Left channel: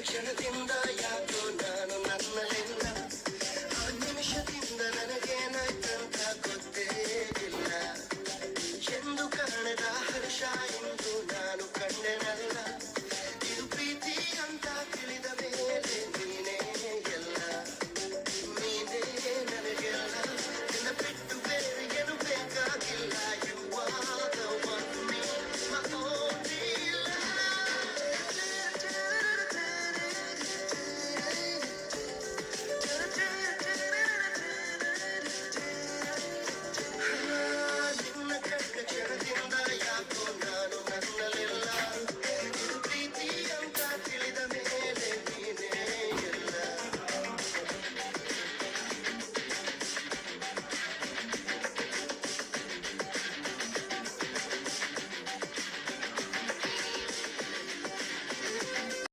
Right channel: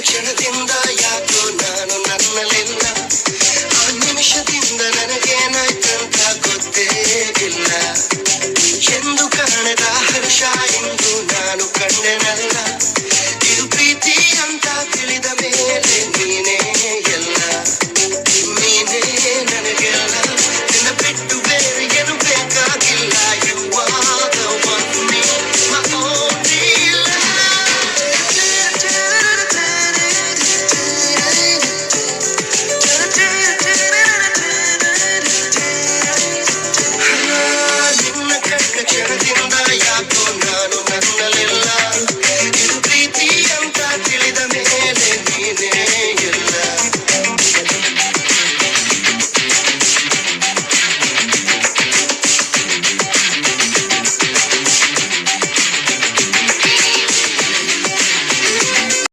ಕ್ಷಣದಿಂದ ಯಾಕೋ ನಾನು ನನ್ನಲ್ಲಿಲ್ಲ? ಆ ನಿಮಿಷದಿಂದ ನನಗೇನಾಯ್ತಂತ ಗೊತ್ತೇ ಇಲ್ಲ ಎಂದು ಕಾಣದ ಹರ್ಷ ಎಂದು ನಾನು ಕಂಡೆನಲ್ಲ.